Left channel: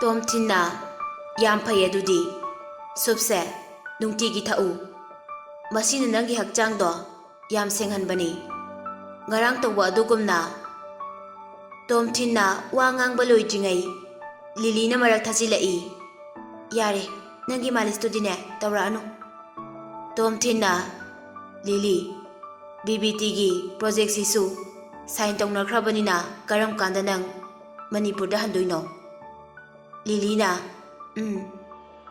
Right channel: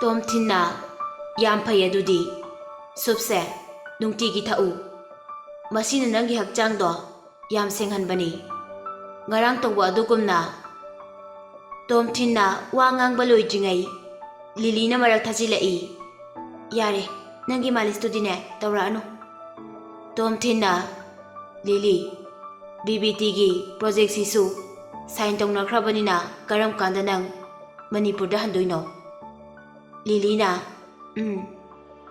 Tom Thinna yam phai adudi supse nungtigi thau masina nangi hakchang do yam senghanbani ngarang tawwa adugumna Tom Thinna wa ngang baloi jingai Lily na marak thajilai yare nangi malis to dine tawra anu Tom Thinna Lily BBT gi project sisu sign tawnakhrabanina karam kanda nang Manipur da handoino Lily na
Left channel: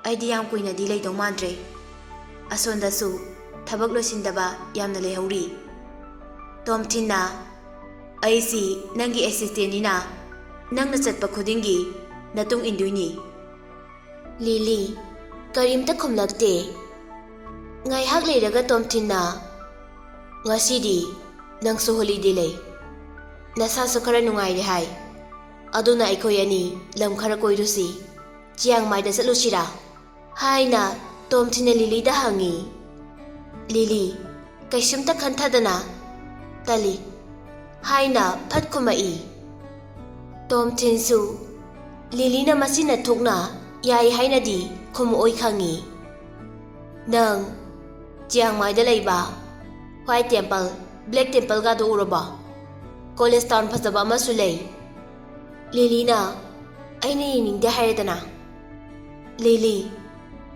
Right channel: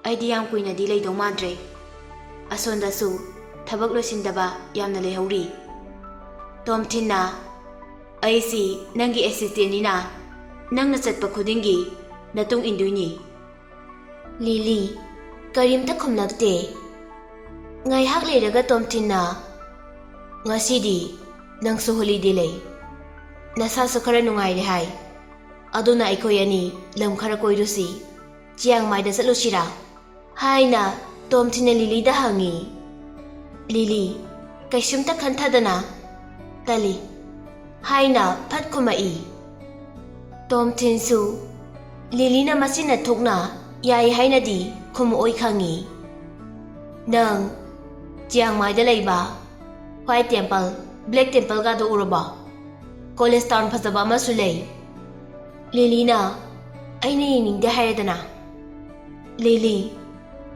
aidi yam kuina di lei do mandre asonda su thabak loisindaba yamna lehauri Tom Thinna aisi nangi assistant nina nangna chatpa khudingi natung induini Lily karimta khumlakte ngai hak leiraga Tom Thinna ngasidi nangsu holiday lei nasa su khara nungai re hai aduna aikoi ani lam khara koirusi Chiang Mai da chalusira haina Tom Thinna Lily da hangi Lily kaisumta khanthadana tali haina phat khumai Tom Thin su Lily na masina thokna yai haina di khumu oi khangi nang Chiang Mai da leiba White Temple Black Temple ga do uraba College Town phajaba amasu lei Lily na aina yiningde hairadana Lily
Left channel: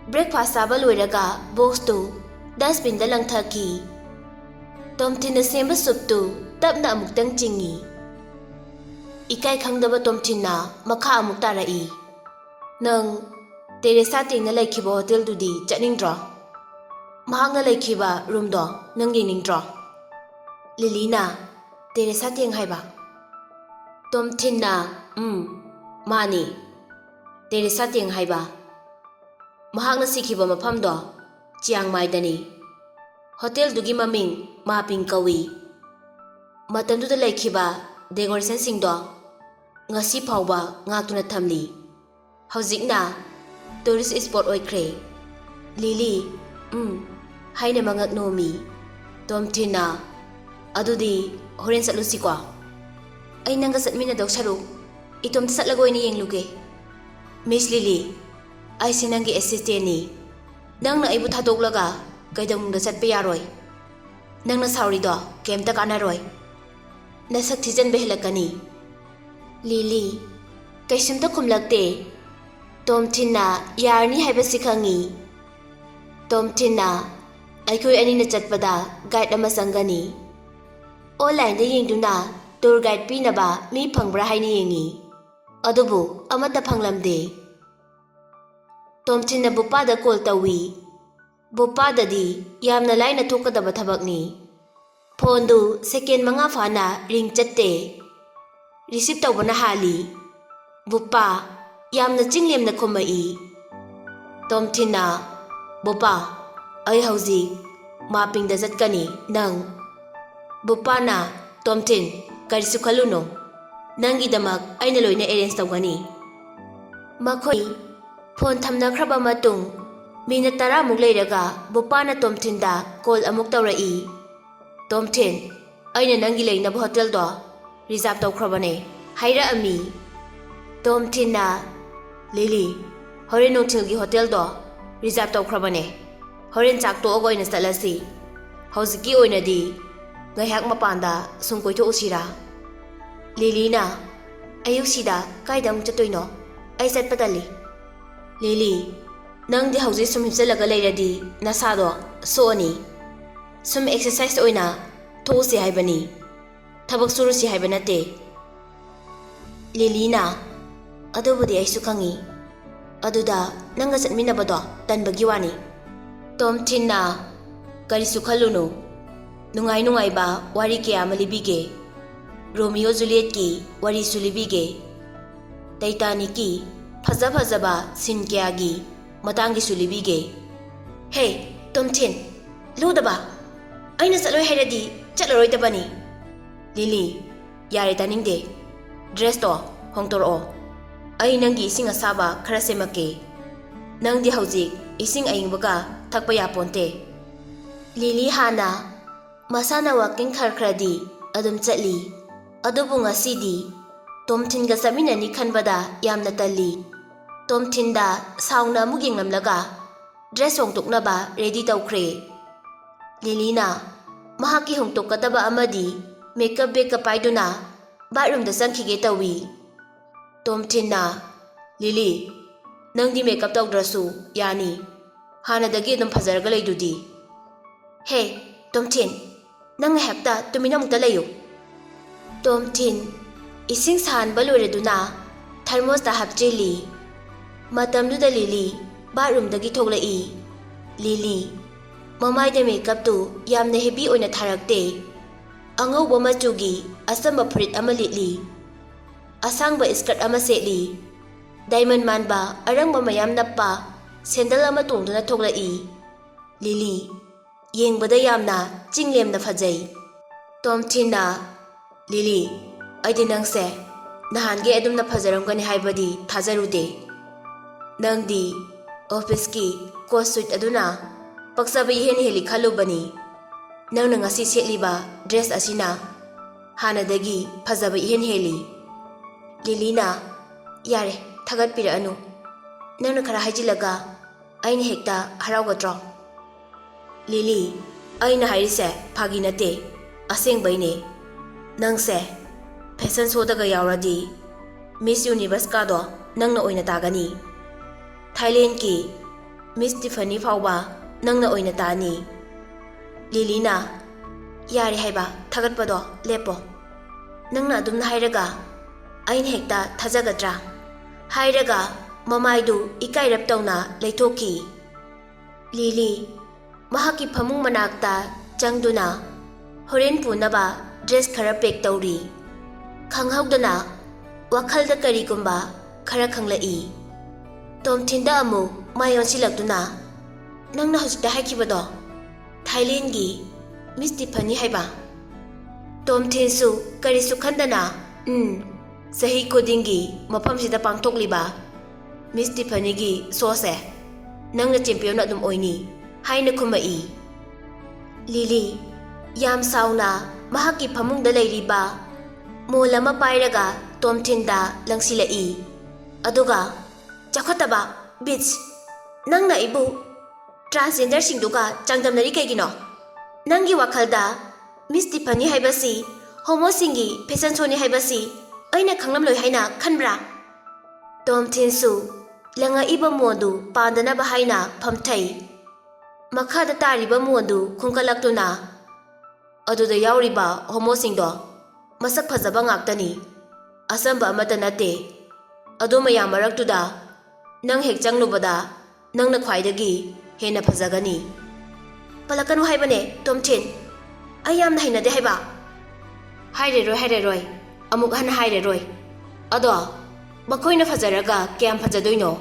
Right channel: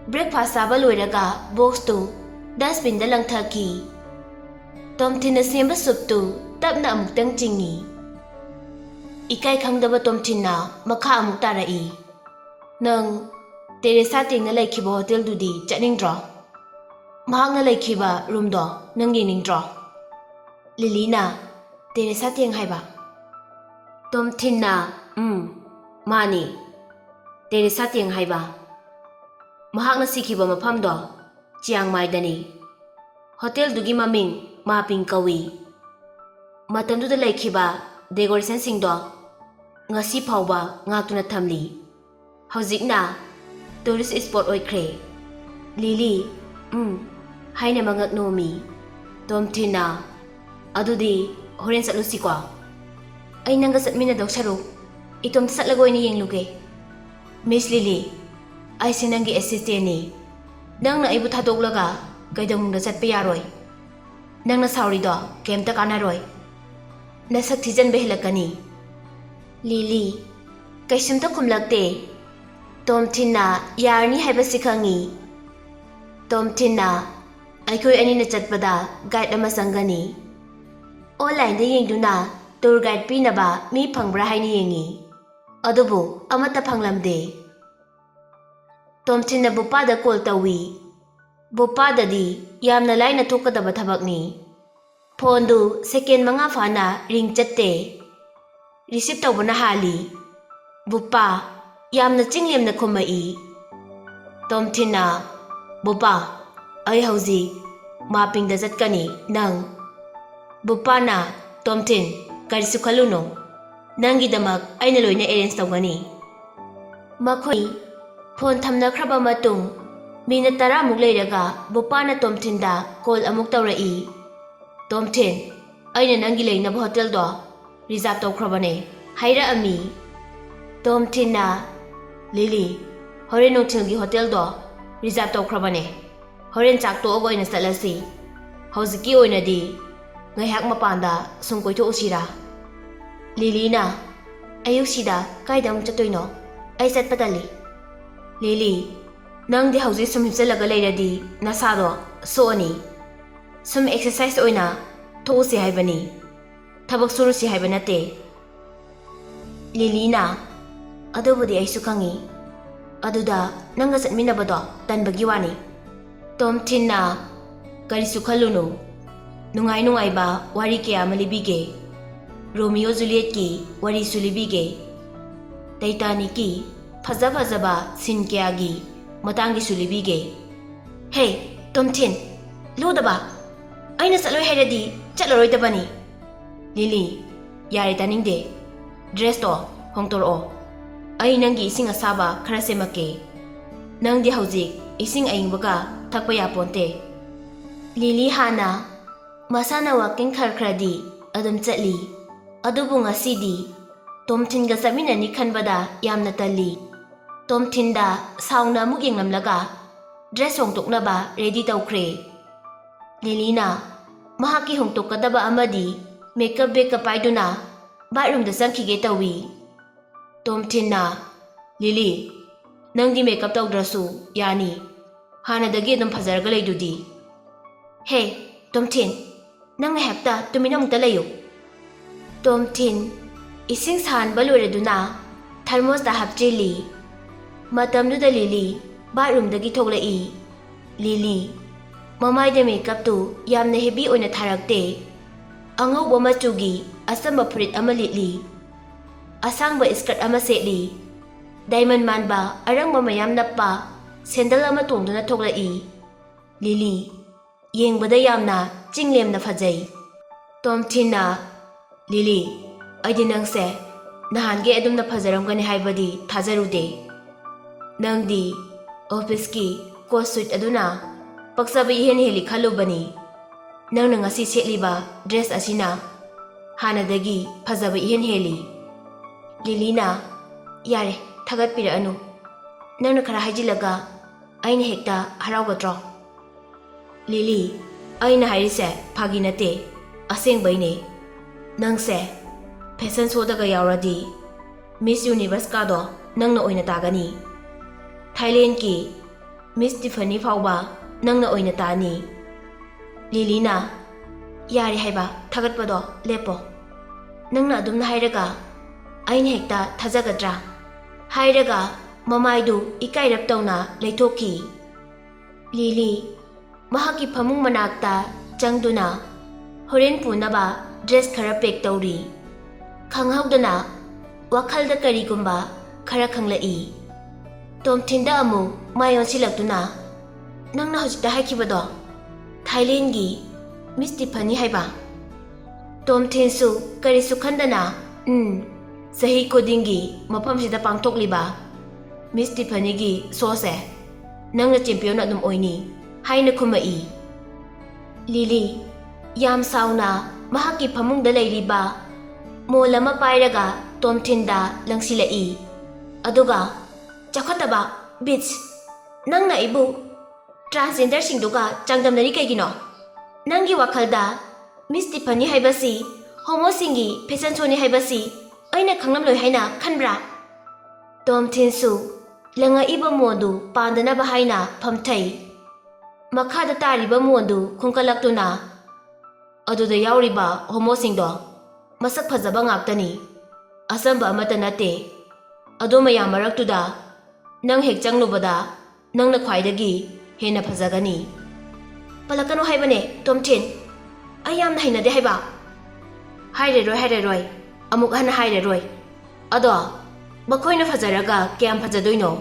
breakfast saba loiraga box to dustbin da langthaki Tom Thinna semba soup to tapna amuktang chingi ikai khangdaba Tom Thinna makha amuk tarai nang Teresa tingna laikhiba hotel dudi chatningdra mahakna laikhiba room do nang yeningdra Lily na Teresa ting haiba Tom Thinna mani Teresa ting haiba mahakna sikhiba mafam do Chiang Mai dani hotel dugi maming Maping kawi matamduda laikhiba decoration sing do ngasi phawba ngaktuna thamli hojikna tourist spot oikhre Lily haina mangak nomi Tom Thinna adudi horen satlusi kwa ai nanga satmina do saruk itom satlagoi ni yengluge Miss Lily ai sinangi assistant ni nangna aibu thadoglaga kaidamungda chatpe yaroi nangna sauri do kemta kanaroi nasak thijan behlakani Lily kaisumta khumlakte Tom Thinna yarni haiba sikhangi Tom Thinna aikoi ani na chatpada guide ama sangani online da yengduna tour guide pinaba mi phangbra haini yengi adubu amata phanglamde Tom Thinna bupa da call tawi bupa da di yamna laina thokadaba thabakni phone du second manga fana ring chatte receive tawbana hali bupa yamna chinglemna khomai Tom Thinna bupa ai hauji Maping da jatkani nang bupa na Tom Thin karisu khaluno nangi damak aina loina arrange tawgani makhoi phone thamna khraba matung minute 10 muk leiraga bupa na Tom Thin da call amuk tawrai Tom Thin aina nangi leina hotel do reserve tawkhrabane haira ami Tom Thinna Lily horen hotel hotel do reserve tawkhrabane horen chak to ogoina salasi hojiki oina di ngaihak mapanda sungkoi to usira Lily na ayuk sida kaidam chatoino ai sat patali Lily nang di hauji sum hipsalaga leiradi nasado so ani sum exercise oina thosi haibani thabak suru si haibanate Lily na adobudi aisu khangi aduda nanga satminabado tanbagi wani Tom Thinna karisu khalunu nungai nungai ba wari kya malibige Romeo Juliet ki wari sulibige Titanic ki phaja phaja ba sin kya gi matangi sulibige Hey Tom Thin ludaba aina saloi hairadi chaloroi tabani Lily yare taningde dress to hongtor o ai nangi ising asaba khara semake nangdi hauji ising aingbaga thakpa ya ponte Lily hana masana walking kharkhradi adum chatli adubu ngasidi Tom Thin ga samina ni khanbada yamna tali ꯇꯣꯝꯊꯤꯟꯗ ꯁꯥꯎꯅ ꯑꯃꯨꯛ ꯌꯦꯡꯂꯝꯂꯒ dress ꯍꯣꯡꯗꯣꯛꯅꯕ ready ꯇꯧꯈ꯭ꯔꯦ꯫ ꯂꯤꯂꯤꯅ ꯃꯍꯥꯛꯀꯤ ꯍꯣꯡꯗꯣꯛꯀꯗꯕ ꯑꯃꯗꯤ makeup ꯕꯦꯒꯀ ꯄꯥꯏꯗꯨꯅ ꯕꯥꯠꯔꯨꯝꯗ ꯆꯪꯈꯤꯒꯦ ꯇꯧꯏ꯫ ꯇꯣꯝꯊꯤꯟꯅ ꯂꯤꯂꯤ, ꯅꯪꯗꯤ makeup ꯇꯧꯗ꯭ꯔꯁꯨ ꯌꯥꯅꯤ, ꯍꯥꯟꯅꯗꯒꯤ ꯑꯗꯨꯝ ꯐꯖꯔꯒ ꯂꯩꯗꯨꯗꯤ꯫ ꯍꯦ ꯇꯣꯝꯊꯤꯟ, ꯅꯪ ꯉꯥꯏꯍꯥꯛꯇ ꯇꯨꯃꯤꯟꯅ ꯑꯃꯨꯛꯇ ꯂꯩꯌꯨ꯫ ꯇꯣꯝꯊꯤꯟ ꯏꯁꯤꯡ ꯁꯥꯍꯟꯕ ꯂꯣꯏꯔꯗꯨꯅ ꯊꯔꯃꯣꯁꯇ ꯍꯥꯞꯆꯤꯜꯂꯤ꯫ ꯃꯇꯝꯗꯨꯗ ꯂꯤꯂꯤ ꯕꯥꯠꯔꯨꯝꯗꯒꯤ ꯊꯣꯛꯂꯛꯏ꯫ ꯂꯤꯂꯤ ꯃꯃꯥꯏꯗ ꯃꯦꯀꯞꯇꯨ ꯌꯥꯝꯅ ꯍꯦꯚꯤ ꯑꯣꯏꯅ ꯊꯥꯔꯛꯇꯦ꯫ ꯑꯉꯧꯕ ꯃꯆꯨꯒꯤ ꯑꯆꯝꯕ ꯐꯨꯔꯤꯠ ꯑꯃ ꯂꯤꯠꯂꯤ, ꯑꯁꯥꯡꯕ ꯏꯁꯀꯔꯠ ꯑꯃ ꯁꯦꯠꯂꯤ, ꯗꯥꯏꯃꯟ ꯃꯥꯟꯕ ꯑꯔꯪꯕ ꯃꯌꯥꯝ ꯅꯞꯄ ꯁꯦꯟꯗꯜ ꯑꯃ ꯇꯣꯡꯗꯨꯅ ꯊꯣꯛꯂꯛꯏ꯫ ꯂꯤꯂꯤ ꯌꯦꯡꯕꯗ ꯌꯥꯝꯅ ꯆꯤꯡꯂꯦꯝꯅ ꯐꯖꯩ꯫ ꯇꯣꯝꯊꯤꯟꯅ ꯂꯤꯂꯤ, ꯑꯩꯗꯤ ꯅꯪꯁꯦ ꯅꯍꯥꯟꯒꯩ ꯑꯗꯨꯝꯅ ꯐꯖꯔꯝꯒꯅꯤ ꯍꯥꯏꯕꯗꯤ ꯊꯥꯖꯔꯨꯗꯦ꯫ ꯅꯪꯗꯤ ꯑꯣꯐꯤꯁꯀꯤ ꯀꯣꯠ ꯁꯨꯏꯠ ꯑꯗꯨꯅ ꯄꯛꯆꯕ ꯏꯍꯦꯟ ꯍꯦꯜꯂꯤ ꯈꯜꯂꯨꯕꯅꯤ꯫ ꯅꯪꯅ ꯉꯁꯤ ꯁꯦꯠꯂꯤꯕ ꯗ꯭ꯔꯦꯁ ꯑꯁꯤꯅ ꯍꯥꯟꯅꯗꯒꯤ ꯐꯖꯕ ꯏꯍꯦꯟ ꯍꯦꯜꯂꯤ꯫ ꯂꯤꯂꯤꯅ ꯌꯥꯔꯦ ꯊꯥꯒꯠꯄꯤꯔꯛꯑꯅꯨ, ꯅꯪꯅ ꯈꯔ ꯍꯥꯏꯖꯤꯜꯂꯒ ꯑꯩꯅ ꯍꯦꯛꯇ ꯍꯔꯥꯎꯒꯗ꯭ꯔꯣ? ꯂꯤꯂꯤ, ꯑꯩꯅ ꯍꯥꯏꯔꯤꯁꯦ ꯐꯥꯒꯤ ꯅꯠꯇꯦ, ꯑꯁꯦꯡꯕꯩꯅꯦ꯫ ꯅꯪꯁꯦ ꯐꯦꯁꯟ ꯁꯣꯗꯒ ꯌꯥꯎꯔꯗꯤ ꯃꯤꯁ ꯌꯨꯅꯤꯚꯔꯁꯀꯥꯗꯣ ꯅꯪꯅ ꯑꯣꯏꯅ ꯇꯥꯒꯅꯤ꯫ ꯊꯥꯏꯂꯦꯟడ్ꯀꯤ ꯃꯤꯁ ꯇꯤꯐꯥꯅꯤ ꯐꯥꯎꯕ ꯅꯪꯅ ꯑꯣꯏꯅ ꯇꯥꯅꯤ꯫ ꯂꯤꯂꯤꯅ ꯌꯥꯔꯦ ꯍꯥꯏꯕ ꯊꯥꯒꯠꯄꯗꯣ ꯂꯦꯞꯄꯣ꯫ ꯅꯪꯅ ꯑꯗꯨꯝꯅ ꯍꯥꯏꯔꯒ ꯑꯩꯅ ꯍꯦꯛꯇ ꯊꯥꯖꯒꯗ꯭ꯔꯥ? ꯍꯥꯏꯔꯒ ꯃꯃꯥꯏꯗꯨ ꯏꯀꯥꯏꯔꯞ ꯇꯧꯅ ꯂꯩꯊꯣꯛꯈꯤ꯫ ꯂꯤꯂꯤ ꯃꯍꯥꯛꯀꯤ ꯐꯃꯨꯡ ꯃꯅꯥꯛꯇ ꯆꯪꯗꯨꯅ ꯍꯣꯔꯦꯟ ꯄꯨꯅꯕ ꯗ꯭ꯔꯦꯁ ꯈꯔ ꯄꯦꯛ ꯇꯧꯔꯤ꯫ ꯈꯪꯍꯧꯗꯅ ꯋꯥꯈꯜꯗ ꯀꯔꯤꯒꯨꯝꯕ ꯈꯔ ꯈꯪꯂꯛꯏ꯫ ꯇꯣꯝꯊꯤꯟꯗ ꯑꯃꯨꯛ ꯃꯥꯏ ꯑꯣꯟꯁꯤꯜꯂꯛꯇꯨꯅ ꯅꯪꯅ ꯍꯧꯖꯤꯛꯇ ꯍꯥꯏꯈꯤꯕꯗꯣ ꯊꯥꯏꯂꯦꯟడ్ꯒꯤ ꯃꯤꯁ ꯇꯤꯐꯥꯅꯤ ꯍꯥꯏꯕ? ꯇꯣꯝꯊꯤꯟꯁꯨ ꯀꯔꯤꯁꯨ ꯈꯟꯗꯅ ꯆꯍꯤ ꯈꯨꯗꯤꯡꯒꯤ ꯃꯐꯝꯁꯤꯗ ꯄꯥꯡꯊꯣꯛꯂꯤꯕ ꯃꯤꯁ ꯇꯤꯐꯥꯅꯤꯒꯤ ꯁꯣꯁꯦ ꯅꯪꯅ ꯆꯦꯝꯄꯤꯌꯟ ꯑꯗꯨꯝ ꯑꯣꯏꯅꯤ ꯍꯥꯏꯅ ꯈꯨꯝꯃꯛꯏ꯫ ꯂꯤꯂꯤ ꯌꯥꯝ ꯁꯥꯎꯅ ꯃꯍꯥꯛꯀꯤ ꯐꯃꯨꯡꯗ ꯂꯩꯔꯤꯕ ꯃꯣꯜ ꯑꯃ ꯄꯥꯏꯔꯒ ꯇꯣꯝꯊꯤꯟꯗ ꯂꯪꯁꯤꯜꯂꯛꯏ꯫ ꯑꯗꯨꯒ ꯆꯥꯎꯈꯠꯇꯕ ꯕꯤꯠꯆ, ꯅꯪꯅ ꯑꯩꯕꯨ ꯇ꯭ꯔꯥꯟꯁꯖꯦꯟꯗꯔꯁꯤꯡꯗꯨꯒ ꯆꯥꯡꯗꯝꯅꯔꯤ ꯀꯩꯒꯤꯅꯣ? ꯅꯪꯒꯤ ꯋꯥꯈꯜꯗ ꯃꯤꯁ ꯇꯤꯐꯥꯅꯤ ꯍꯥꯏꯕꯁꯤ ꯍꯣꯃꯣꯁꯤꯡꯒꯤ ꯐꯦꯁꯟ ꯁꯣꯅꯤ ꯍꯥꯏꯕꯁꯤ ꯑꯩꯅ ꯈꯪꯂꯝꯂꯣꯏ ꯍꯥꯏꯅ ꯈꯟꯕ꯭ꯔꯥ? ꯇꯣꯝꯊꯤꯟꯁꯨ ꯂꯪꯉꯛꯏꯕ ꯃꯣꯟꯗꯨ ꯄꯥꯟꯗꯅꯕ ꯍꯥꯏꯅ ꯐꯝꯊꯩ꯫ ꯃꯈꯥꯗ ꯇꯥꯔꯤꯕ ꯃꯣꯟꯗꯨ ꯈꯨꯟꯀꯠꯂꯛꯇꯨꯅ ꯑꯗꯨꯗ ꯌꯥꯎꯔꯤꯕ ꯍꯣꯃꯣꯁꯤꯡꯗꯣ ꯃꯁꯛ ꯐꯖꯕ ꯉꯥꯛꯇꯅꯤ, ꯑꯆꯝꯕ ꯑꯃꯠꯇ ꯅꯠꯇꯦ꯫ ꯑꯗꯨ ꯃꯌꯥꯝ ꯃꯔꯛꯇꯨꯗ ꯅꯪ ꯍꯦꯛ ꯆꯪꯂꯨꯕꯗ ꯅꯪꯅ ꯈ꯭ꯋꯥꯏꯗꯒꯤ ꯍꯦꯟꯅ ꯐꯖꯒꯅꯤ꯫ ꯄꯜꯂꯛꯀꯅꯨ ꯍꯥꯏꯕꯅꯦ ꯇꯣꯝꯊꯤꯟ, ꯑꯩ ꯌꯥꯝꯅ ꯍꯩꯅꯗꯦ ꯍꯥꯏꯕ꯫ ꯍꯥꯏꯔꯔꯣꯏ, ꯑꯃꯨꯛ ꯍꯟꯅ ꯍꯥꯏꯔꯔꯣꯏ꯫ ꯑꯗꯣ ꯃꯈꯣꯏꯅ ꯐꯖꯔꯒ ꯀꯌꯥꯝ ꯐꯖꯗꯣꯏꯅꯣ?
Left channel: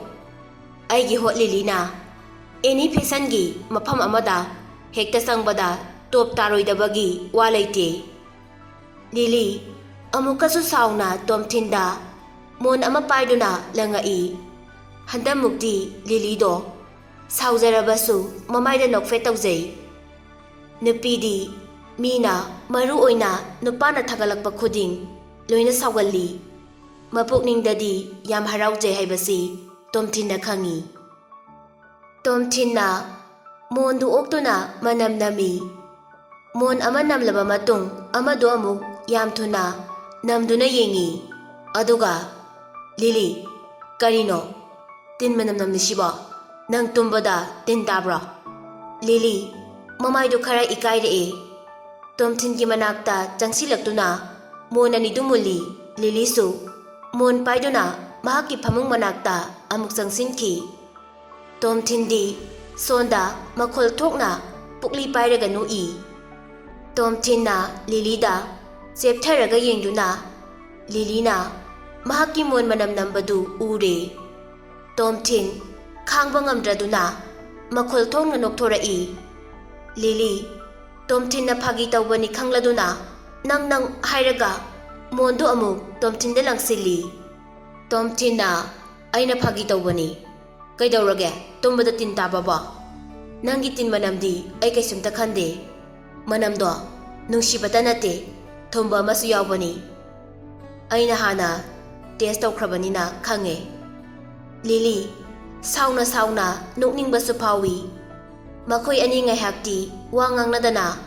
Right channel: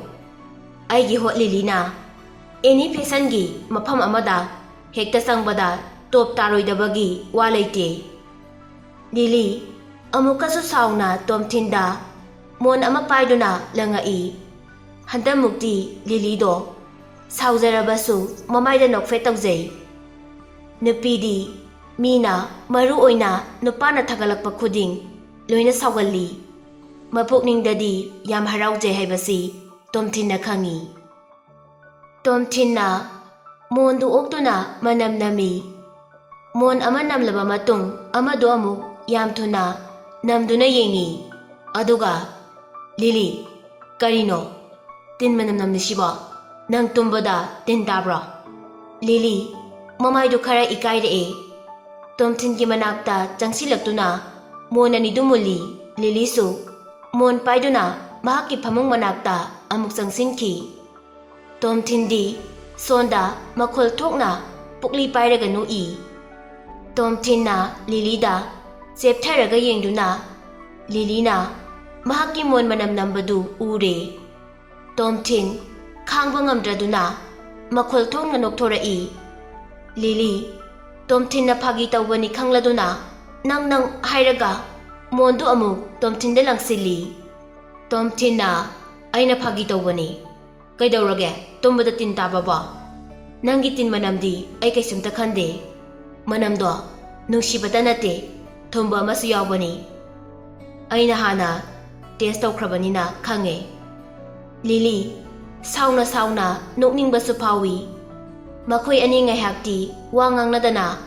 ꯑꯩꯒꯤ ꯍꯣꯠ ꯂꯤꯂꯤꯅ ꯑꯦꯅꯤ ꯐꯦꯁꯟꯒꯤ ꯃꯐꯝ ꯑꯃꯗ ꯍꯦꯛꯇ ꯆꯪꯕꯗ ꯇꯣꯞ ꯇꯥꯔꯣꯏꯗꯕꯒꯤ ꯋꯥ ꯂꯩꯇꯦ꯫ ꯂꯤꯂꯤ ꯑꯃꯨꯛꯀꯁꯨ ꯁꯥꯎꯅ ꯇꯣꯝꯊꯤꯟꯗ ꯃꯣꯟ ꯑꯃ ꯄꯥꯏꯗꯨꯅ ꯂꯪꯉꯛꯏ꯫ ꯍꯟꯗꯛꯃꯨꯛꯇꯤ ꯂꯤꯂꯤꯗꯣ ꯁꯥꯎꯖꯔꯕꯁꯨ ꯃꯃꯥꯏꯗ ꯅꯣꯛꯐꯦꯠ ꯇꯧꯖꯩ꯫ ꯅꯨꯄꯤꯗꯤ ꯃꯤꯅ ꯃꯔꯨ ꯑꯣꯏꯅ ꯅꯨꯄꯥꯅ ꯊꯥꯒꯠꯂꯛꯄ ꯈꯨꯗꯤꯡ ꯂꯣꯏꯅ ꯁꯥꯎꯒꯜꯂꯤ꯫ ꯃꯄꯨꯛꯅꯤꯡꯗꯗꯤ ꯌꯥꯝ ꯍꯔꯥꯎꯖꯩ ꯍꯥꯏꯕꯁꯤ ꯇꯣꯝꯊꯤꯟꯅ ꯈꯪꯏ꯫ ꯇꯣꯝꯊꯤꯟꯅ ꯃꯣꯟꯗꯨ ꯑꯣꯛꯇꯨꯅ ꯃꯅꯝ ꯅꯝꯃꯤ꯫ ꯃꯣꯟ ꯑꯃ ꯅꯝꯂꯕ ꯃꯇꯨꯡ ꯑꯃꯗꯣ ꯑꯃꯨꯛ ꯌꯥꯝ ꯊꯨꯅ ꯅꯝꯗꯨꯅ ꯌꯦꯡꯉꯤ꯫ ꯑꯗꯨꯒ ꯂꯤꯂꯤ, ꯀꯔꯤꯅꯣ ꯇꯤꯟ ꯃꯅꯝ ꯅꯝꯂꯤꯁꯤꯕꯣ? ꯅꯪ ꯇꯨꯝꯕꯗ ꯇꯤꯟ ꯇꯥꯕ꯭ꯔꯣ? ꯂꯤꯂꯤ ꯃꯃꯥꯏꯗꯨ ꯈꯔ ꯏꯀꯥꯏꯔꯛꯑꯦ꯫ ꯇꯣꯝꯊꯤꯟꯒꯤ ꯃꯅꯥꯛꯇ ꯆꯪꯁꯤꯜꯂꯛꯇꯨꯅ ꯃꯣꯟ ꯑꯅꯤꯗꯨ ꯃꯨꯜꯂꯤ꯫ ꯂꯤꯂꯤꯁꯨ ꯃꯣꯟ ꯄꯥꯏꯗꯨꯅ ꯃꯍꯥꯛꯀꯤ ꯐꯃꯨꯡ ꯃꯅꯥꯛꯇ ꯑꯃꯨꯛ ꯆꯪꯁꯤꯟꯈꯤ꯫ ꯇꯣꯝꯊꯤꯟꯗꯤ ꯁꯣꯟꯗ ꯃꯈꯣꯜ ꯊꯣꯛꯅ ꯄꯨꯛꯂꯤ ꯄꯥꯏꯔꯒ ꯅꯣꯛꯏ꯫ ꯇꯣꯝꯊꯤꯟꯅ ꯂꯤꯂꯤꯗ ꯆꯦꯞꯊꯔꯒ ꯌꯦꯡꯗꯨꯅ ꯂꯤꯂꯤꯅ ꯃꯍꯥꯛꯀꯤ ꯃꯣꯟ ꯃꯅꯝ ꯅꯝꯕꯗꯨ ꯎꯔꯦ꯫ ꯇꯣꯝꯊꯤꯟ ꯈꯥꯡꯕ ꯉꯝꯗ꯭ꯔꯗꯨꯅ ꯃꯈꯣꯜ ꯊꯣꯛꯅ ꯅꯣꯛꯊꯣꯔꯛꯏ꯫ ꯂꯤꯂꯤ ꯇꯣꯝꯊꯤꯟꯅ ꯐꯥꯒꯤ ꯇꯧꯕꯅꯤ ꯈꯪꯂꯗꯨꯅ ꯅꯪ ꯍꯥꯏꯔꯒ ꯃꯣꯟꯗꯨ ꯑꯃꯨꯛ ꯇꯣꯝꯊꯤꯟꯗ ꯂꯪꯁꯤꯜꯂꯤ꯫ ꯇꯣꯝꯊꯤꯟꯅ ꯑꯩꯅ ꯐꯥꯒꯤ ꯇꯧꯕꯅꯤ, ꯀꯩꯗꯧꯔꯒꯦ ꯇꯨꯝꯕꯗ ꯇꯤꯟ ꯇꯥꯕꯕꯣ? ꯅꯪꯒꯤ ꯇꯤꯟ ꯃꯅꯝꯗꯤ ꯑꯩ ꯀꯩꯁꯨꯝꯇ ꯈꯟꯗꯦ꯫ ꯃꯅꯝꯗꯣ ꯅꯨꯡꯁꯤꯕꯇ ꯅꯠꯇꯦ, ꯊꯨꯝꯕ ꯑꯃꯁꯨ ꯌꯥꯎꯕꯅꯤ꯫ ꯑꯩꯅ ꯍꯥꯟꯅ ꯇꯦꯁ ꯇꯧꯈ꯭ꯔꯕꯅꯤꯅ ꯈꯪꯉꯦ꯫ Lily, sauna nokningbasu phawi. Makhoi ani ngaihakti wa ngangnadana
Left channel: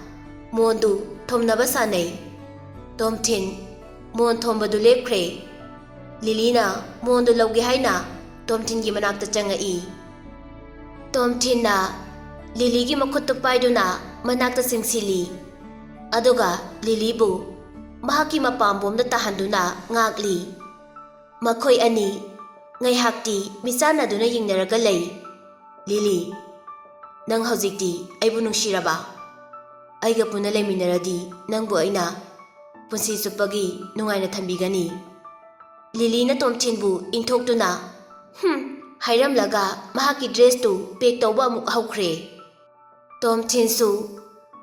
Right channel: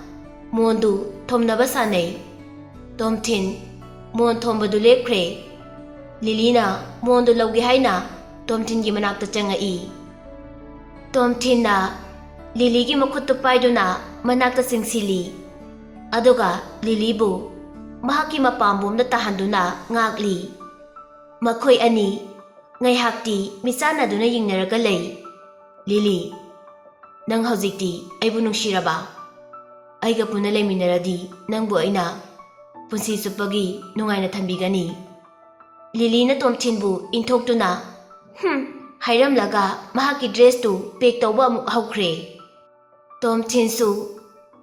mondu thomnaba sanai. Tomthin mon thombadu lepkhre. Lilina mondu lawge haina Tomthin gi manakta changai. Tomthin na Lily gi makhuttu paiduna manakta singsili. Aduga Lily bu mahaki mapambomda tahanduna ngakli. Makhoi ani ngaihakti misanaduna yingnaraga lei. Lily, nang hojikti aibu nungshiraba. Aiga puna leiminaradi nangbu aina punsi supagi nungaina thambigani. Lily na Tomthin bu inthokduna hairamlaga mahaki dress tu pack tawba amuk haukhre. Tomthin su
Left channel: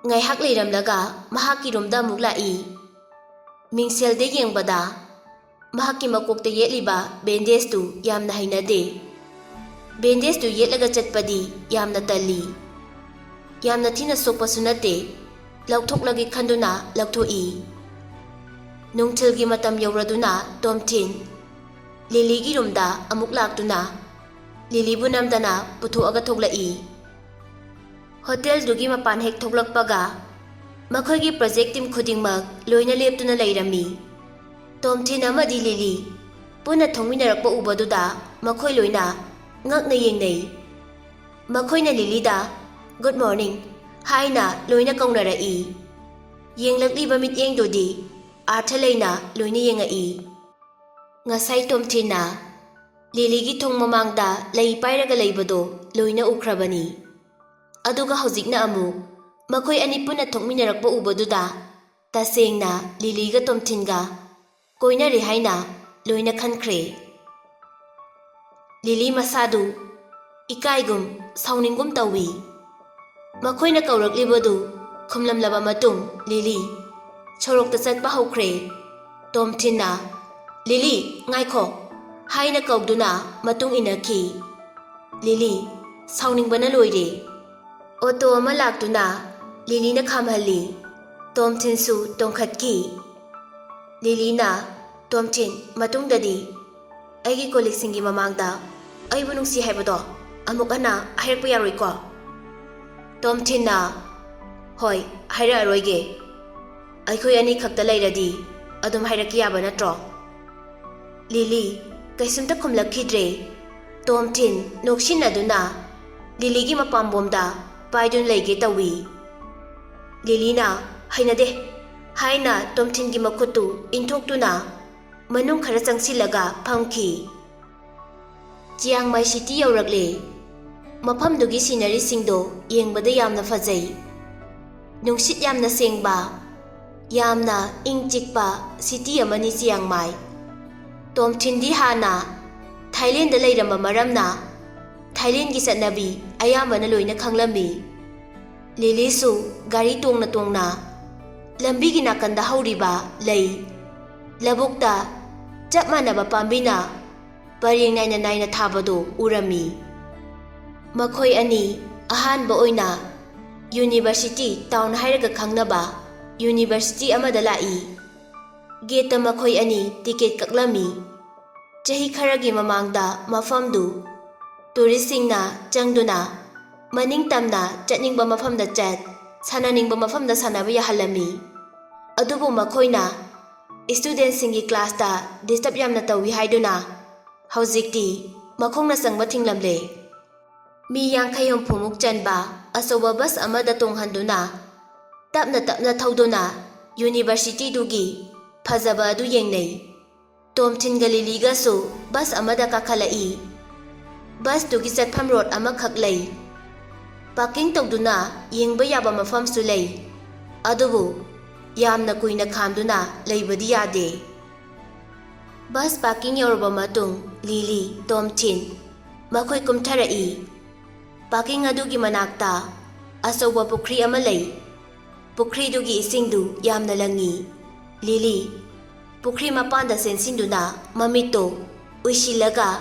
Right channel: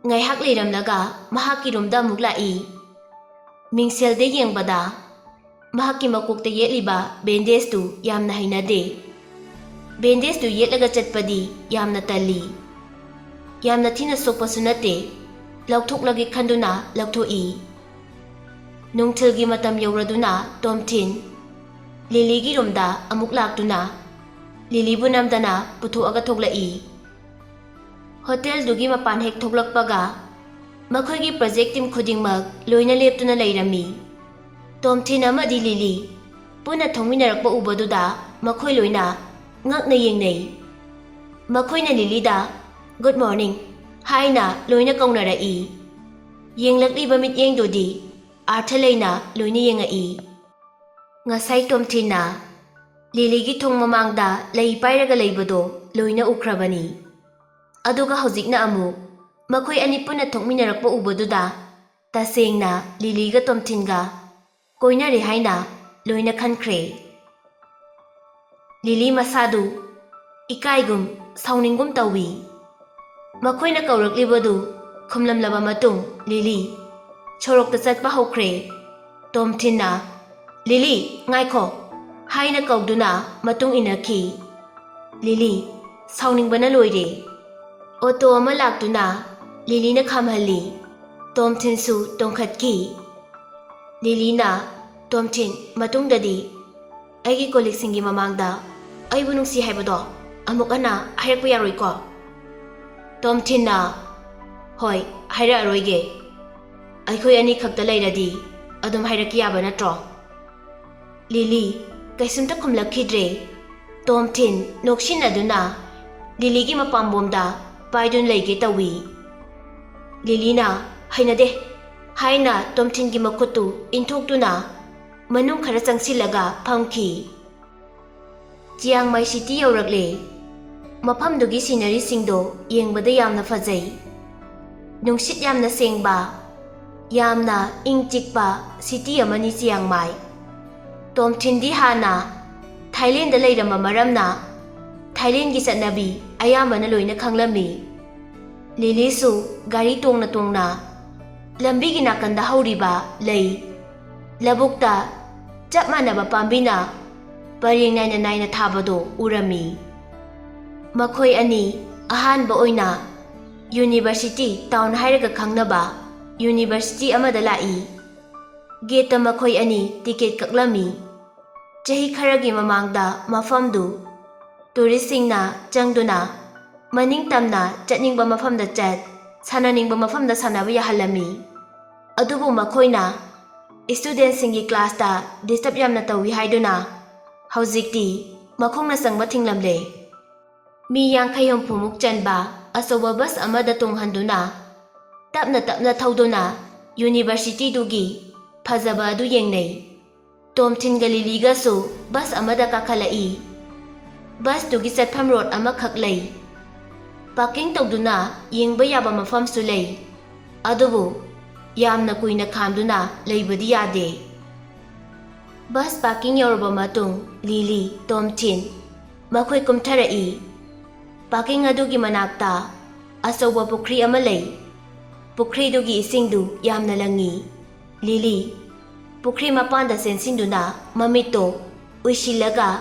ngaihak leiramlaga mahaki romda amuk lai. Mingselde yengbada mahaki makokta yetliba bandage tu yamna hainade. Bandage tu yetlaga chatpadi yamna tali. Yamna thina sokpasu nate laukthok khanduna laukthoi. Nungthilgi matam yauraduna Tomthin Lily gi romda amuk laktuna Lily bu namdana puthuaga thoklai. Hotel dugi mapan hek thoklakpaga makhoi gi project team khudingmak loina leptuna leirami. Tomthin amadi Lily puna thongminarakpa ubaduda makhoi loina ngakna yengnei. Makhoina Lily da good morning haina loina kaungnarai. Yenglakliba mityengdodi artha leina loina yengai. Ngasai Tomthin na Lily gi thong mamangda lei pairaga leibado loina ukhrabani. Aduga hojikna amu makhoi ani puna thongminarakpa ubaduda tasengna Lily ga Tomthin ga koinari haina loina khankhre. Lily masadu ikaigum sauningum tawi. Makhoina kauraklibadu khumlamlaba matung Lily chorokta chatpa hokre. Tomthin na Lily ngaikho haina kauduna matung inakhi. Lily sauningbana loire. Auto ama laktuna Lily na khamhalli. Tomthin su tongkhatki. Lily na Tomthin matungdadi aigi koliksingi mamangda aibu nungsi haibado amuk ana hairakpa yaroiko. Tomthin na hoi haira aroige. Aikhoi ani khakta leiradi adum hairaki yaba natro. Lily kaisumta khumlakhidre. Tomthin nokshin aduna Lily gi mapambomda paidun leige tawi. Lily na hainade haina Tomthin gi makhutu inthokduna manung khara changsilaga phamki. Chiang Mai City yauragle. Mafamdugi scenery singdo yengbada yamna fajai. Nungsit yamna sengba yamna ingchikpa city amani Chiang Mai. Tomthin di hana Thailand da leiramba maramna Thailand gi satnabi ayambana loina khanglami. Lily su gari tongna lambi gi nakanda hauriba lei labukta chapmanaba pambina pareng naina thabado urami. Makhoi ani ahanba oina university town hairaga khangnaba university amada lai. Gate makhoi ani ticket kaklami. Chahi kharagi mamangda mafamdu tourist singna changduna maning tamna chatningba mafamda chat sananingba mafamda sanaba yahalami. Adubu makhoina student singi class ta disturb yamna tawi haiduna hojikti makhongna sangba thinglamle. Mi yankhai humphumuk chanba asoba bus amada tonghanduna tapna thauduna university dugi phajaba adu yengnei. Tomthin ga Lily ga su bus amada kakhalai. Bus dugi chatpham road ama khaklei. Parking tawduna yengba yaba mafam su lei. Adubu yamna kuina khamduna leibadi yade. Bus parking yorba matung Lily Tomthin makhoi kumtharai. Parking adugi manakta asoba pukhri ama lei. Pukhri dugi isingdu yamna langi. Lily pukhri mapanda sensinduna mamito uisilaga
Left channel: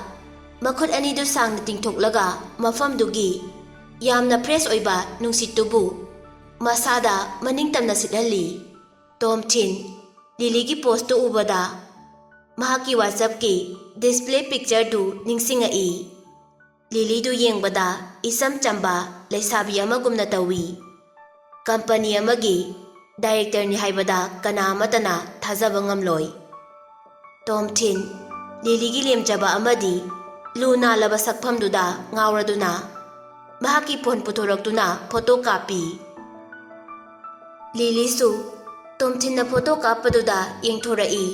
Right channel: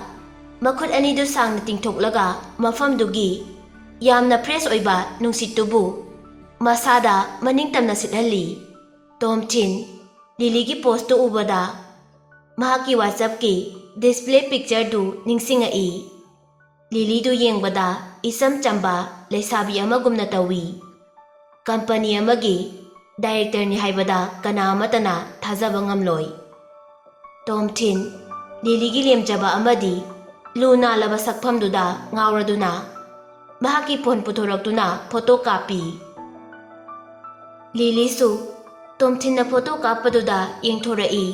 makhut anidu sangna tingthoklaga mafamdugi yamna fresh oiba nungsitubu masada maningtamna sithalli. Tomthin Lily gi post ubada ꯃꯍꯥꯛꯀꯤ ꯋꯥꯆꯞꯀꯤ display ꯄꯤꯛꯆꯔꯗꯨ ꯅꯤꯡꯁꯤꯡꯉꯛꯏ꯫ ꯂꯤꯂꯤꯗꯨ ꯌꯦꯡꯕꯗ ꯏꯆꯝ ꯆꯝꯕ ꯂꯩꯁꯥꯕꯤ ꯑꯃꯒꯨꯝꯅ ꯇꯧꯏ꯫ Company ꯑꯃꯒꯤ ꯗꯥꯏꯔꯦꯛꯇꯔꯅꯤ ꯍꯥꯏꯕꯗ ꯀꯅꯥ ꯑꯃꯠꯇꯅ ꯊꯥꯖꯕ ꯉꯝꯂꯣꯏ꯫ ꯇꯣꯝꯊꯤꯟ ꯂꯤꯂꯤꯒꯤ ꯂꯦꯝꯖꯕ ꯑꯃꯗꯤ ꯂꯨ ꯅꯥꯜꯂꯕ ꯁꯛꯐꯝꯗꯨꯗ ꯉꯥꯎꯔꯗꯨꯅ ꯃꯍꯥꯛꯀꯤ ꯐꯣꯟ ꯄꯨꯊꯣꯔꯛꯇꯨꯅ ꯐꯣꯇꯣ ꯀꯥꯞꯄꯤ꯫ ꯂꯤꯂꯤꯁꯨ ꯇꯣꯝꯊꯤꯟꯅ ꯐꯣꯇꯣ ꯀꯥꯞꯄꯗꯨꯗ ꯌꯦꯡꯊꯣꯔꯛꯏ꯫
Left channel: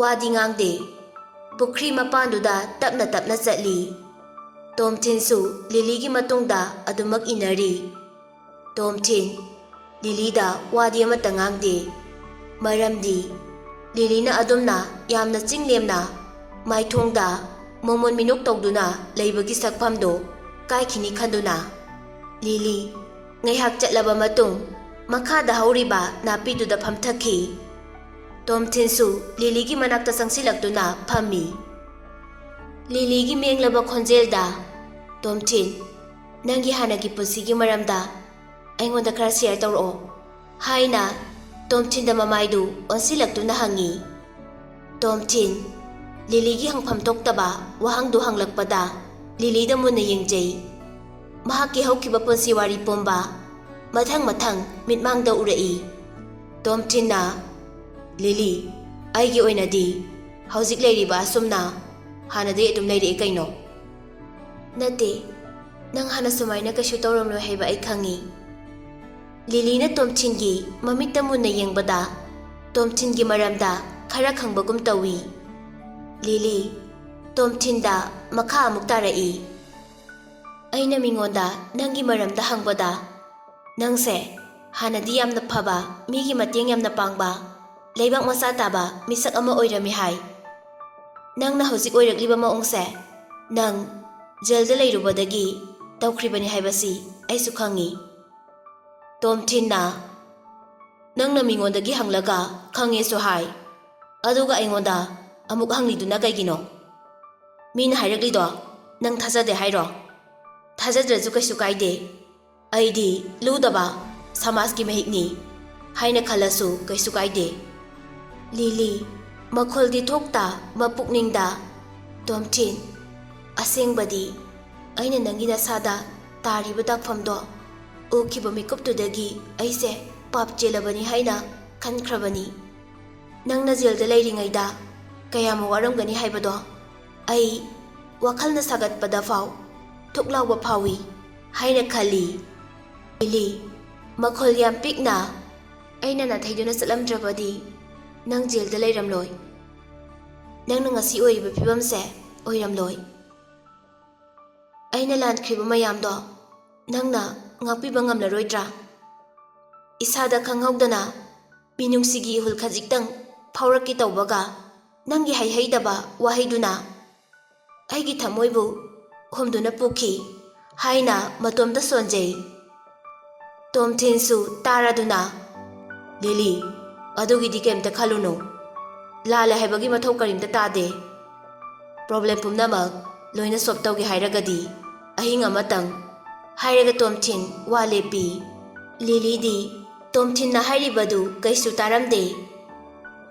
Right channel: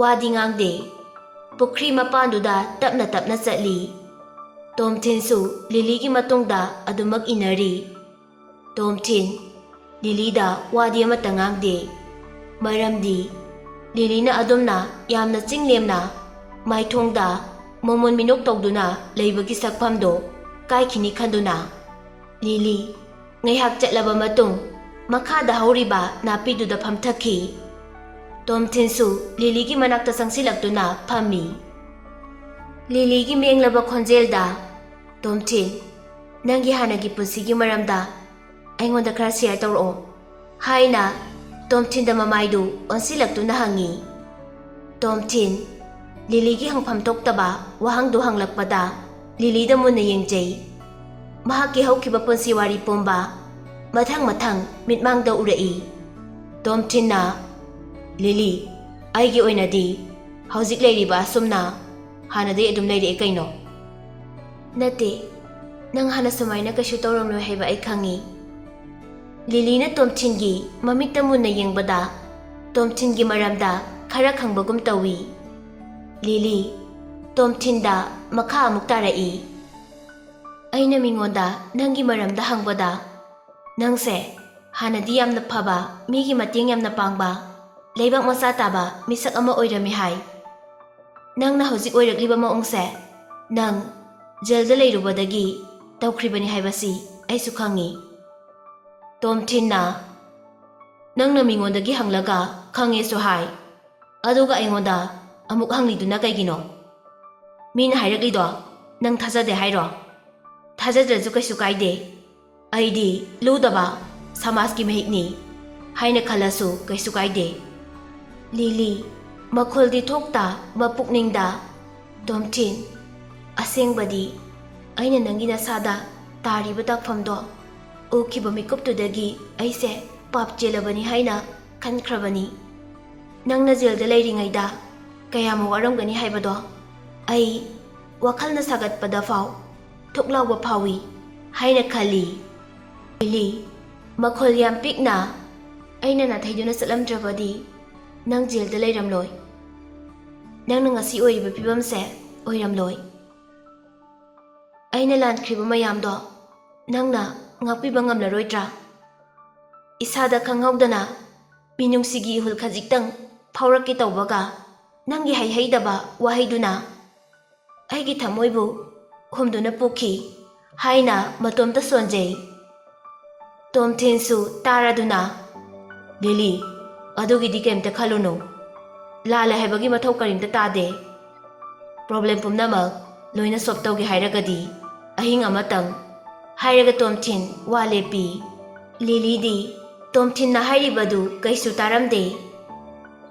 ꯋꯥꯗꯤ ꯉꯥꯡꯗꯦ꯫ ꯄꯨꯈ꯭ꯔꯤ ꯃꯄꯥꯟꯗꯨꯗ ꯇꯞꯅ ꯇꯞꯅ ꯆꯠꯂꯤ꯫ ꯇꯣꯝꯊꯤꯟꯁꯨ ꯂꯤꯂꯤꯒꯤ ꯃꯇꯨꯡꯗ ꯑꯗꯨꯃꯛ ꯏꯟꯅꯔꯤ꯫ ꯇꯣꯝꯊꯤꯟ ꯂꯤꯂꯤꯗ ꯋꯥꯗꯤ ꯑꯃꯠꯇ ꯉꯥꯡꯗꯦ꯫ ꯃꯔꯝꯗꯤ ꯂꯤꯂꯤꯅ ꯑꯗꯨꯝꯅ ꯌꯥꯝꯅ ꯆꯤꯡꯂꯦꯝꯅ ꯃꯥꯏꯊꯣꯡꯗ ꯃꯣꯃꯣꯟ ꯃꯤꯅꯣꯛ ꯇꯧꯗꯨꯅ ꯂꯩꯕꯒꯤ ꯁꯛꯐꯝꯗꯨ ꯀꯥꯏꯈꯤꯅꯤ ꯈꯟꯗꯨꯅ ꯂꯤꯂꯤ ꯉꯥꯏꯍꯥꯛ ꯆꯠꯂꯕ ꯃꯇꯨꯡ ꯃꯈꯥꯗ ꯍꯧꯔꯤꯕ ꯅꯥꯄꯤꯗꯨꯗ ꯐꯝꯊꯈꯤ꯫ ꯇꯣꯝꯊꯤꯟꯁꯨ ꯂꯤꯂꯤꯒꯤ ꯃꯅꯥꯛꯇ ꯆꯪꯁꯤꯜꯂꯛꯇꯨꯅ ꯐꯝꯃꯤ꯫ ꯂꯤꯂꯤꯒꯤ ꯃꯦꯡꯂꯕ ꯈꯣꯟꯖꯦꯜꯗ "ꯇꯣꯝꯊꯤꯟ, ꯅꯪꯒꯤ ꯍꯥꯟꯅꯒꯤ ꯄꯨꯟꯁꯤꯒꯤ ꯃꯔꯝꯗ ꯑꯩꯉꯣꯟꯗ ꯈꯔ ꯁꯦꯌꯔ ꯇꯧꯔꯛꯑꯣ" ꯍꯥꯏꯅ ꯇꯣꯝꯊꯤꯟꯗ ꯃꯃꯥꯏꯗꯨ ꯑꯣꯟꯁꯤꯜꯂꯛꯇꯨꯅ ꯍꯪꯉꯤ꯫ ꯇꯣꯝꯊꯤꯟ ꯂꯤꯂꯤꯒꯤ ꯍꯪꯐꯝ ꯊꯣꯛꯇꯕ ꯋꯥꯍꯪꯗꯨ ꯍꯪꯂꯛꯄꯗ ꯂꯤꯂꯤꯗ ꯃꯨꯟꯅ ꯌꯦꯡꯖꯩ꯫ ꯃꯍꯥꯛꯀꯤ ꯍꯧꯈꯤꯕ ꯄꯨꯟꯁꯤ ꯋꯥꯔꯤ ꯄꯨꯝꯕ ꯃꯊꯪ ꯃꯊꯪ ꯃꯤꯠꯃꯥꯡꯗ ꯎꯔꯛꯏ꯫ ꯇꯣꯝꯊꯤꯟꯅ "ꯂꯤꯂꯤ, ꯑꯩꯒꯤ ꯑꯣꯏꯅꯗꯤ ꯍꯧꯖꯤꯛ ꯂꯩꯔꯤꯕ ꯑꯁꯨꯝꯅ ꯍꯥꯟꯅꯗꯩ ꯑꯗꯨꯝ ꯂꯩꯔꯛꯑꯦ ꯀꯩꯅꯣ." "ꯅꯠꯇꯦ, ꯅꯪ ꯍꯥꯟꯅ ꯁꯨꯃꯥꯏꯅ ꯀꯩꯁꯨ ꯇꯧꯔꯝꯂꯣꯏ ꯍꯥꯏꯕ ꯑꯩ ꯈꯪꯉꯤ." ꯂꯤꯂꯤꯅ ꯇꯣꯝꯊꯤꯟꯒꯤ ꯃꯃꯤꯠꯇ ꯃꯨꯟꯅ ꯌꯦꯡꯕꯗ ꯇꯣꯝꯊꯤꯟꯒꯤ ꯃꯔꯝꯗ ꯈꯔ ꯈꯪꯕꯒꯨm ꯇꯧꯏ꯫ ꯂꯤꯂꯤ ꯇꯣꯝꯊꯤꯟꯗ ꯃꯈꯥ ꯑꯃꯨꯛ ꯇꯥꯔꯛꯏ꯫ "ꯑꯩꯅ ꯃꯤꯉꯣꯟꯗ ꯅꯪꯒꯤ ꯃꯔꯝꯗ ꯍꯪꯕꯗ ꯅꯪꯁꯦ ꯍꯥꯟꯅꯗꯤ ꯌꯥꯝꯅ ꯐꯕ, ꯃꯤꯒꯤ ꯃꯇꯦꯡ ꯌꯥꯝꯅ ꯄꯥꯡꯕ, ꯂꯩꯕꯥꯛ ꯃꯆꯥ ꯇꯥꯕ ꯃꯤꯁꯛ ꯑꯃ ꯑꯣꯏꯔꯝꯃꯤ ꯍꯥꯏ꯫ ꯅꯪꯅ ꯍꯧꯖꯤꯛ ꯑꯣꯏꯔꯛꯂꯤꯕ ꯃꯑꯣꯡꯁꯦ ꯅꯪ ꯖꯦꯜꯗ ꯂꯩꯔꯨꯕꯗꯒꯤ ꯇꯧꯈ꯭ꯔꯤꯕꯅꯤ ꯍꯥꯏꯕꯁꯤ ꯑꯩꯁꯨ ꯈꯪꯉꯤ." ꯇꯣꯝꯊꯤꯟꯅ "ꯅꯪꯅ ꯃꯤꯉꯣꯟꯗꯒꯤ ꯍꯪꯂꯒ ꯈꯪꯉꯦꯁꯨ ꯍꯥꯏ, ꯑꯗꯨꯒ ꯑꯩꯉꯣꯟꯗ ꯑꯃꯨꯛ ꯍꯪꯂꯤꯗꯨꯅ ꯀꯩꯒꯤꯅꯣ? ꯃꯤꯅ ꯍꯥꯏꯔꯛꯂꯤꯗꯣ ꯅꯪ ꯊꯥꯖꯗꯦ ꯍꯥꯏꯔꯣ? ꯊꯥꯖꯗ꯭ꯔꯁꯨ ꯀꯩꯁꯨ ꯀꯥꯏꯗꯦ. ꯑꯩꯗꯤ ꯂꯨꯗꯕ ꯁꯃꯥꯖꯀꯤ ꯃꯍꯤꯛꯅꯤ ꯍꯥꯏꯅ ꯈꯜꯂꯁꯨ ꯀꯩꯁꯨ ꯀꯥꯏꯗꯦ." ꯂꯤꯂꯤ ꯃꯈꯣꯜꯗꯤ ꯊꯣꯛꯇ ꯃꯄꯨꯛꯅꯤꯡꯗ "ꯇꯣꯝꯊꯤꯟ, ꯑꯁꯦꯡꯕꯗꯤ ꯑꯩꯅ ꯅꯪꯒꯤ ꯅꯁꯥꯗ ꯇꯥꯔꯤꯕ ꯗꯥꯛꯐꯝꯗꯣ ꯎꯈꯤꯕ ꯃꯤꯀꯨꯞꯇꯨꯗꯒꯤ ꯑꯩꯁꯦ ꯄꯥꯞ ꯆꯦꯜꯂꯕꯅꯤ ꯍꯥꯏꯅ ꯈꯟꯈ꯭ꯔꯕꯅꯤ. ꯅꯪꯅ ꯖꯦꯜꯗ ꯂꯩꯔꯤꯉꯩꯗ ꯀꯌꯥꯝ ꯋꯥꯔꯝꯒꯅꯤ ꯍꯥꯏꯕꯗꯣ ꯑꯩ ꯋꯥꯈꯜꯅ ꯁꯥꯒꯠꯄꯗ ꯐꯥꯎ ꯊꯨꯛ ꯂꯥꯎꯕ ꯐꯥꯎꯏ ꯍꯥꯏꯅ ꯈꯜꯂꯤ." ꯂꯤꯂꯤ ꯃꯈꯣꯜ ꯌꯥꯝ ꯄꯤꯛꯅ "ꯑꯩꯅ ꯅꯥꯊꯩꯗꯨꯅ ꯆꯠꯂꯝꯗ꯭ꯔꯕꯗꯤ ꯅꯪ ꯖꯦꯜꯗ ꯂꯩꯔꯝꯂꯣꯏ. ꯅꯪꯅ ꯉꯁꯤ ꯑꯣꯏꯔꯤꯕ ꯐꯤꯕꯝꯁꯦ ꯑꯣꯏꯔꯝꯂꯣꯏ. ꯑꯩꯅ ꯂꯥꯟꯈ꯭ꯔꯤꯕ ꯃꯌꯥꯝꯗꯣ ꯅꯪꯅ ꯉꯥꯛꯄꯤꯕ ꯉꯝꯂꯔꯣꯏꯗ꯭ꯔꯥ? ꯏꯁꯥꯗ ꯈꯪꯍꯧꯗꯅ ꯃꯤꯅꯨꯡꯁꯤꯒꯤ ꯏꯍꯨꯜ ꯈꯖꯤꯛꯇꯪ ꯐꯥꯎꯔꯛꯀꯦ ꯇꯧꯕꯒ ꯅꯪꯒꯤ ꯍꯩꯍꯩꯗꯕ ꯋꯥꯍꯩꯗꯨꯅ ꯑꯩꯒꯤ ꯊꯃꯣꯏꯕꯨ ꯍꯨꯝꯗꯨꯅ ꯄꯨꯈꯤ" ꯍꯥꯏꯅ ꯃꯇꯣꯝꯇ ꯁꯣꯟꯖꯩ꯫ ꯇꯣꯝꯊꯤꯟꯁꯨ ꯇꯥꯔꯗꯨꯅ "ꯂꯤꯂꯤ, ꯑꯗꯨꯒꯤꯗꯤ ꯀꯩꯝꯇ ꯈꯜꯂꯨꯅꯨ. ꯂꯥꯜꯂꯦ ꯍꯥꯏꯕꯒꯤ ꯃꯊꯧ ꯀꯔꯤꯝꯇ ꯇꯥꯗꯦ. ꯄ꯭ꯔꯣꯕ꯭ꯂꯦꯝ ꯄꯨꯝꯅꯃꯛ ꯂꯣꯏꯅ ꯁꯣꯜꯕ ꯇꯧꯒꯦ ꯍꯥꯏꯔꯒꯗꯤ ꯑꯍꯤꯡ ꯑꯃꯇꯪ" ꯍꯥꯏꯔꯒ ꯇꯣꯝꯊꯤꯟ ꯋꯥ ꯂꯦꯞꯄꯤ꯫ ꯂꯤꯂꯤꯗꯤ ꯇꯣꯝꯊꯤꯟꯅ ꯍꯥꯏꯔꯤꯕꯗꯨ ꯀꯩꯁꯨ ꯇꯥꯔꯝꯗꯦ꯫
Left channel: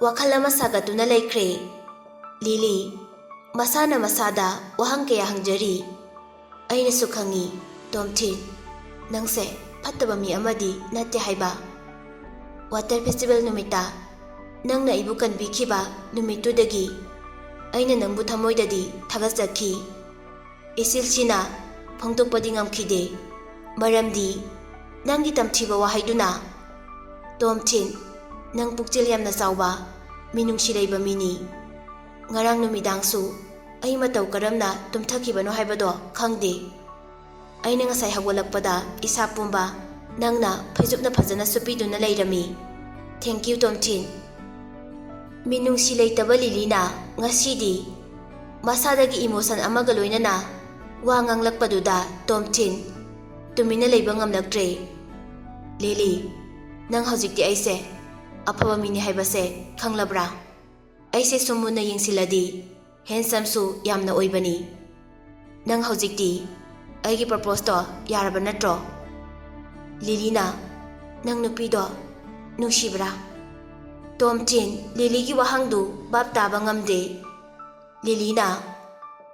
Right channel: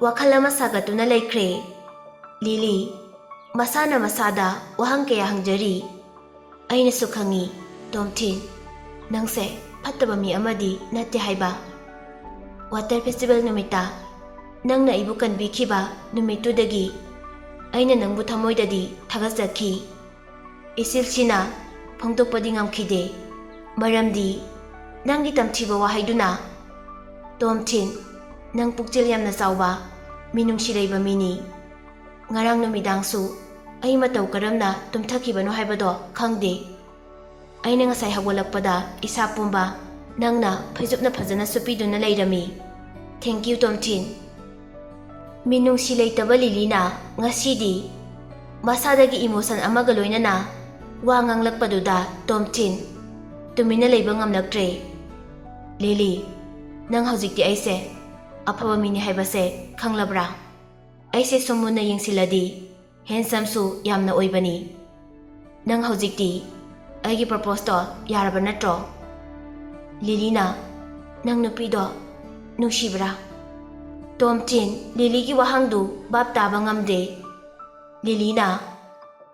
ꯋꯥꯈꯜ ꯑꯃ ꯁꯥꯒꯠꯇꯨꯅ ꯂꯩꯈ꯭ꯔꯦ꯫ ꯂꯤꯂꯤ ꯃꯁꯥꯅ ꯃꯁꯥꯗ ꯋꯥꯍꯪ ꯀꯌꯥ ꯍꯪꯖꯔꯤ꯫ "ꯑꯩꯅꯁꯨ ꯈꯪꯉꯤ ꯇꯣꯝꯊꯤꯟ, ꯅꯪꯁꯦ ꯐꯠꯇꯕ ꯃꯤ ꯑꯃꯗꯤ ꯅꯠꯇꯦ ꯍꯥꯏꯕ. ꯋꯥꯇꯔ ꯐꯦꯁꯇꯤꯚꯦꯜ ꯅꯨꯃꯤꯠꯇ ꯅꯪꯅ ꯑꯩꯕꯨ ꯀꯟꯕꯤꯈꯤꯕ ꯅꯨꯃꯤꯠꯇꯨꯗꯒꯤ ꯑꯩꯅ ꯅꯪꯕꯨ ꯊꯃꯣꯏꯗꯗꯤ ꯊꯥꯒꯠꯆꯈꯤ. ꯏꯆꯤꯜꯁꯤꯅ ꯐꯣꯡꯗꯣꯛꯄꯗꯤ ꯉꯝꯈꯤꯗꯦ, ꯃꯔꯝꯗꯤ ꯅꯪꯒꯤ ꯇꯝꯊꯤꯕ ꯋꯥꯍꯩꯗꯨꯅ. ꯇꯣꯝꯊꯤꯟ, ꯅꯪ ꯄꯨꯛꯆꯦꯜ ꯌꯥꯝꯅ ꯆꯥꯎꯕ, ꯃꯤꯅꯨꯡꯁꯤ ꯂꯩꯕ ꯃꯤꯅꯤ. ꯉꯔꯥꯡ ꯅꯨꯃꯤꯗꯥꯡꯁꯨ ꯑꯩ ꯃꯇꯧ ꯀꯔꯝꯅ ꯇꯨꯝꯊꯈꯤꯕꯅꯣ ꯍꯥꯏꯕꯗꯣ ꯈꯪꯗꯦ. ꯑꯩꯅ ꯉꯁꯥꯏ ꯍꯧꯒꯠꯂꯛꯄꯗ ꯏꯁꯥ ꯄꯨꯝꯕ ꯅꯪꯅ ꯐꯩꯖꯨꯞꯅ ꯐꯖꯅ ꯁꯨꯞꯄꯤꯗꯨꯅ ꯂꯩꯔꯝꯃꯤ. ꯊꯦꯡꯛ ꯌꯨ ꯇꯣꯝꯊꯤꯟ." ꯃꯤꯅꯨꯡꯁꯤ ꯂꯩꯇꯕ ꯂꯤꯂꯤꯅ ꯉꯁꯤꯗꯤ ꯃꯁꯥꯗꯒꯤ ꯏꯃꯣꯁꯟ ꯑꯃꯒ ꯂꯣꯏꯅꯅ ꯋꯥ ꯉꯥꯡꯂꯛꯄꯗꯨꯗ ꯇꯣꯝꯊꯤꯟ ꯇꯨꯃꯤꯟꯅ ꯂꯩꯕ ꯉꯝꯂꯛꯇ꯭ꯔꯦ꯫ "ꯂꯤꯂꯤ, ꯅꯪ ꯍꯧꯖꯤꯛꯇꯤ ꯑꯩꯁꯦ ꯑꯐꯕ ꯃꯤꯅꯤ ꯍꯥꯏꯕꯁꯦ ꯈꯪꯂꯕ꯭ꯔꯥ? ꯑꯩꯁꯦ ꯁꯨꯝ ꯃꯨꯟꯅ ꯌꯦꯡꯁꯤꯜꯂꯗꯤ ꯍꯦꯟꯁꯝꯁꯨ ꯌꯥꯝꯅ ꯑꯣꯏꯕꯅꯤ. ꯅꯪ ꯍꯧꯖꯤꯛꯇꯤ ꯑꯩꯒꯤ ꯄ꯭ꯔꯄꯣꯁꯇꯣ ꯌꯥꯔꯕ ꯅꯠꯇ꯭ꯔꯣ?" ꯂꯤꯂꯤꯅ "ꯅꯪ ꯅꯨꯄꯤꯗꯣ ꯅꯨꯡꯁꯤꯕ꯭ꯔꯥ?" ꯇꯣꯝꯊꯤꯟ ꯂꯤꯂꯤꯒꯤ ꯋꯥꯍꯪꯗꯨ ꯚꯥꯞ ꯇꯥꯕ ꯉꯝꯗꯦ꯫ ꯂꯤꯂꯤꯅ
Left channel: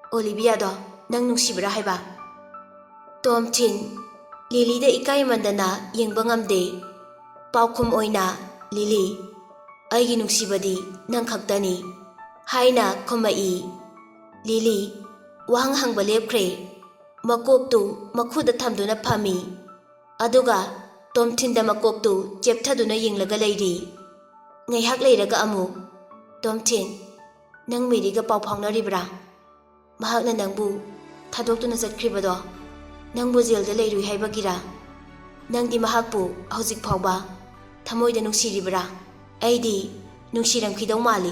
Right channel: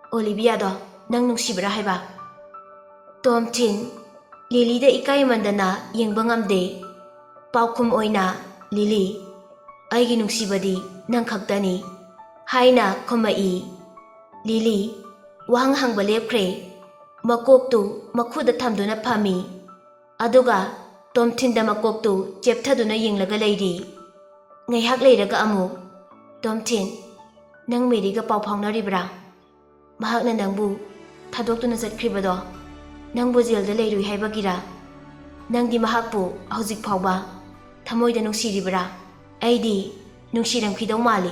ꯑꯣꯂꯤꯚꯤꯌꯥꯗꯣ ꯅꯪ ꯅꯨꯡꯁꯤꯕ꯭ꯔꯥ ꯍꯥꯏꯕ꯫ ꯇꯣꯝꯊꯤꯟ ꯂꯤꯂꯤꯗ ꯏꯀꯥꯏꯃꯟꯗꯅ ꯌꯦꯡꯕ ꯉꯝꯗꯦ꯫ ꯄꯥꯎꯈꯨꯝ ꯑꯣꯏꯅ ꯂꯤꯂꯤ ꯑꯩꯒꯤ ꯅꯨꯡꯁꯤꯕꯗꯤ ꯅꯪ ꯈꯛꯇꯅꯤ ꯍꯥꯏꯅ ꯈꯨꯝꯃꯛꯏ꯫ ꯂꯤꯂꯤ ꯋꯥꯍꯪ ꯍꯪꯕ ꯂꯦꯞꯈ꯭ꯔꯦ꯫ ꯃꯀꯣꯛꯇꯨ ꯃꯈꯨꯗ ꯊꯝꯗꯨꯅ ꯐꯝꯃꯤ꯫ ꯑꯗꯨꯒ ꯇꯣꯝꯊꯤꯟꯗ ꯃꯀꯣꯛꯇꯨ ꯆꯦꯞꯊꯗꯨꯅ ꯌꯦꯡꯂꯒ ꯂꯩꯔꯤ꯫ ꯉꯥꯏꯍꯥꯛ ꯂꯩꯔꯒ ꯑꯃꯨꯛ ꯇꯣꯝꯊꯤꯟ ꯅꯪ ꯃꯦꯔꯤꯒ ꯄꯥꯎ ꯐꯥꯎꯅꯔꯤꯕ꯭ꯔꯥ? ꯃꯍꯥꯛꯅ ꯅꯪꯕꯨ ꯊꯥꯗꯣꯛꯇꯨꯅ ꯆꯠꯈ꯭ꯔꯤꯕꯗꯣ ꯅꯪꯕꯨ ꯖꯦꯜꯗ ꯂꯩꯔꯨꯏ ꯍꯥꯏꯕꯒꯤꯔꯥ? ꯅꯪꯗꯤ ꯃꯍꯥꯛꯄꯨ ꯍꯧꯖꯤꯛ ꯐꯥꯎꯕ ꯊꯃꯣꯏꯗ ꯅꯨꯡꯁꯤꯔꯤꯕ꯭ꯔꯥ? ꯑꯩꯗꯤ ꯅꯨꯡꯁꯤꯔꯝꯈꯤꯗꯧ ꯃꯥꯜꯂꯤ꯫